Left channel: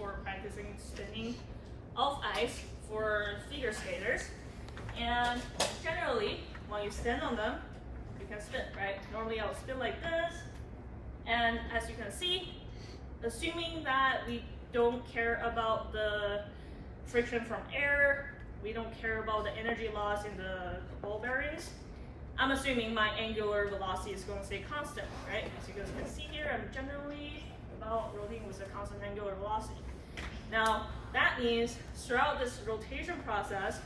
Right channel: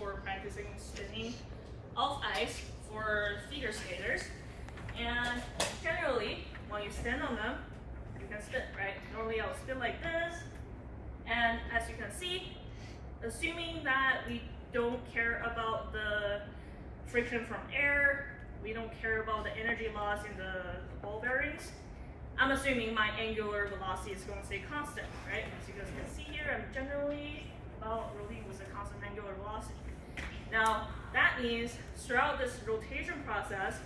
for practicing spinning off ice for figure skaters. And generally, when you stand on them, you can spin, right? Normally I'll spin like this. And as you can see, assuming that we don't care about the friction from air, we don't care about the energy loss in the ball bearings, I'm assuming my angular velocity is going to stay constant, right? As you guys can see here, I'm generally about rotating with a constant angular velocity. Now, that means throughout this rotation process,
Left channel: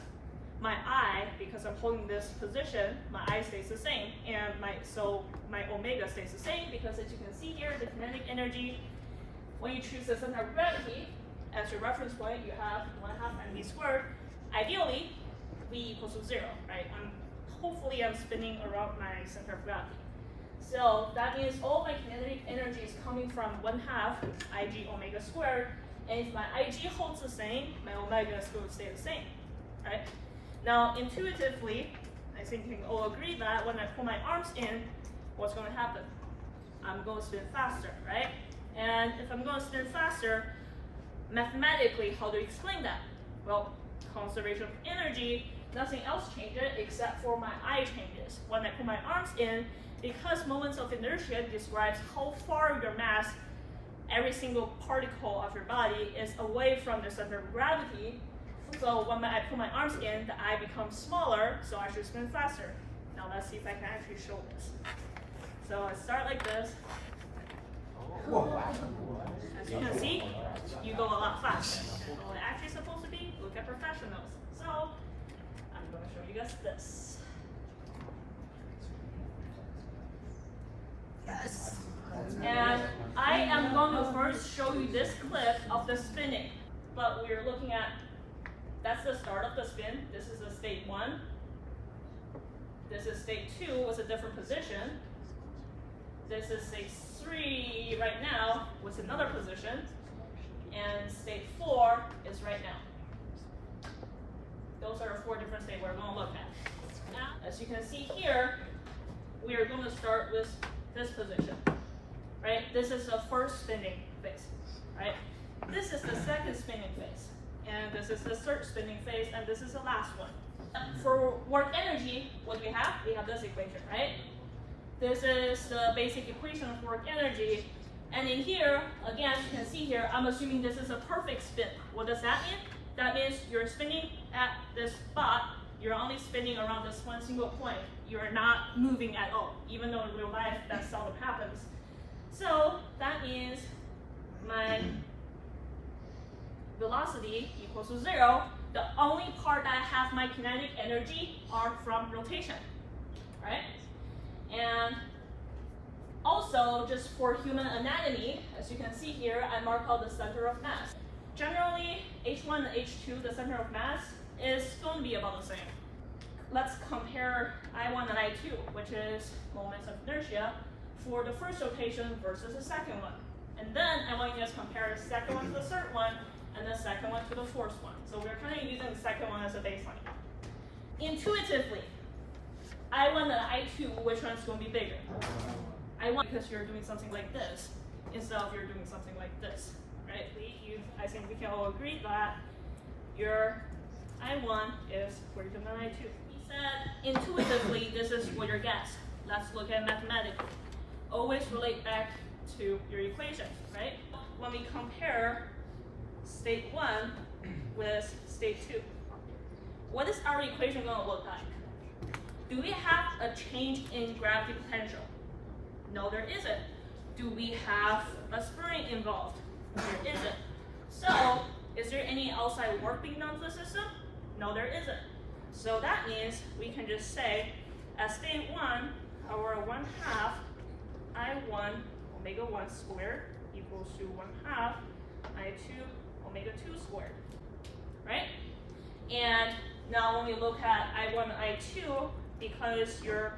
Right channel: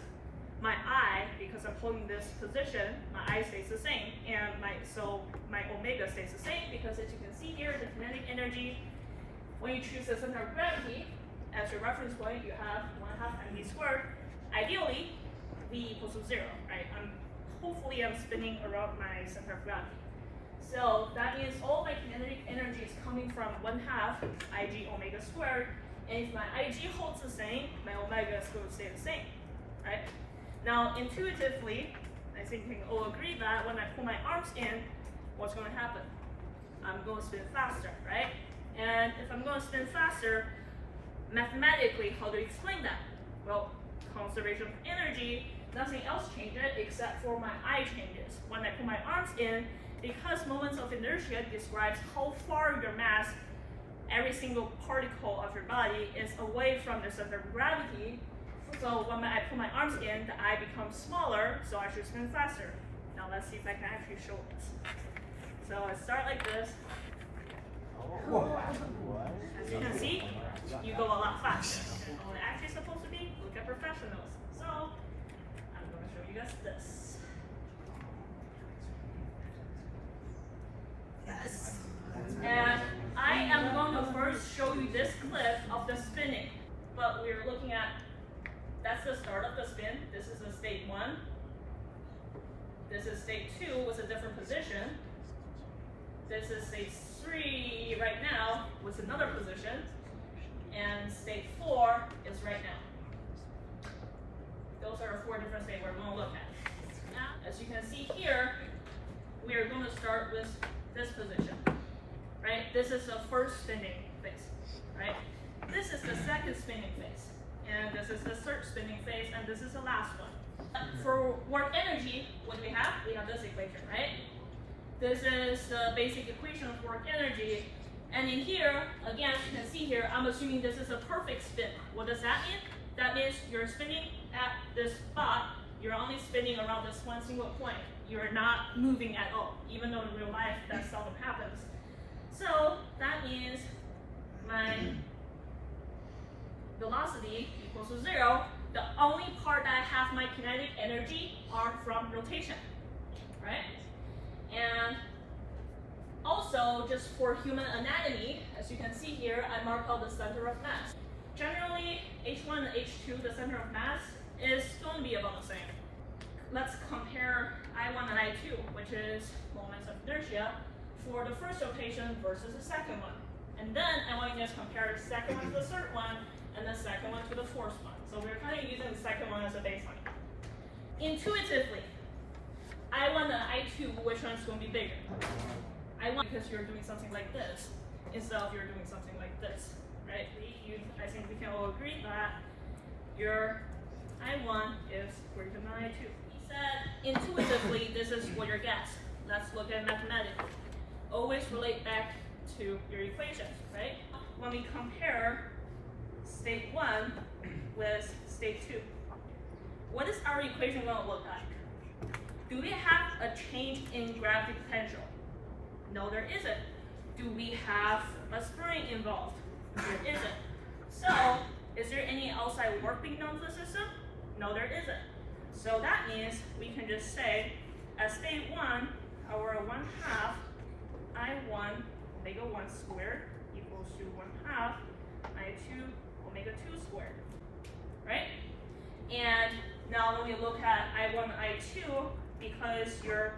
my I, because I'm holding this position, my I stays the same, and my omega stays the same, because as you can see here, the kinetic energy, when you choose the center of gravity as your reference point, you have 1/2 mv squared. Ideally, v equals to 0, right? Hopefully I'm spinning around my center of gravity. So that means all my kinetic energy is coming from 1/2 ig omega squared, and if my ig holds the same, my omega is going to stay the same, right? Now, intuitively, I think we can all agree that when I pull my arms in, what's going to happen? I'm going to spin faster, right? And if I'm going to spin faster, mathematically, how do you explain that? Well, conservation of energy, nothing else changes except for my I changes. When I put my arms in, because moments of inertia describes how far your mass, every single particle of your body is away from the center of gravity. So when I put my arms in, the I becomes smaller, so I should spin faster. Now let's see if I can actually show this. So I start like this. As you can see, you go a lot faster. And what it's actually supposed to be, look at professionals. So I'm going to show you guys this. Yes. And I am going to first show you this clip of the spinning. But we're looking at, that's the start of the spin. This is the state 1. This is state 2 with a different position. This is state 3 right now with another position. And state 4 is right now. Those are 4 different states we're going to look at. As you can see here, we are going to start with this position, right? This is the first spinning phase, right? This is the second spinning phase, and this is the third spinning phase, and this is the last one. For work energy, what do you have? We have this equation, right? This is the basic equation of work energy. And in here, again, you can see here, I'm assuming this is a perfect spin. What does that mean? That means you're spinning at this spot, you're only spinning around this one single point. You're not moving at all, even though in real life that seldom happens. So that means my velocity equals to 0. The only part that I have my kinetic energy are from rotation, right? And also, just for human anatomy, as you can see here, I mark out the center of mass. Generally, H1 and H2, the center of mass, is going to be about the same. Let's compare I1 and I2, which is moments of inertia, for the first rotation versus the second one. And then I want you guys to compare the second one to the third one, and the second one to the fourth one. So we're kind of using the second one as a baseline. Intuitively, I1 and I2, which one's going to be bigger? I1 because you're doing something like this, instead of you're doing something like this, right? I think we can all agree that your I1 is greater than I2. We said intuitively this is what your guess. Let's look at mathematically. Always relate back to your equation, right? When we compare state 1 with state 2, what is our equation going to look like? Do we have a change in gravity potential? No, there isn't. Do we have a spring involved? There isn't. So, is there any outside work being done to the system? No, there isn't. So that means we can just say, at state 1, our 1/2 I1 omega 1 squared equals to 1/2 I2 omega 2 squared, right? And now when we look at I1 and I2, because your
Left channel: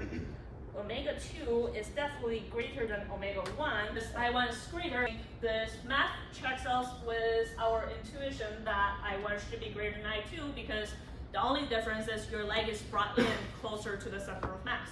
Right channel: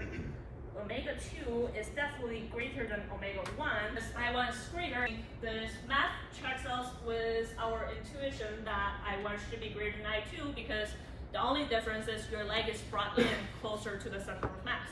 omega 2 is definitely greater than omega 1, this I1 is greater. This math checks us with our intuition that I1 should be greater than I2 because the only difference is your leg is brought in closer to the center of mass.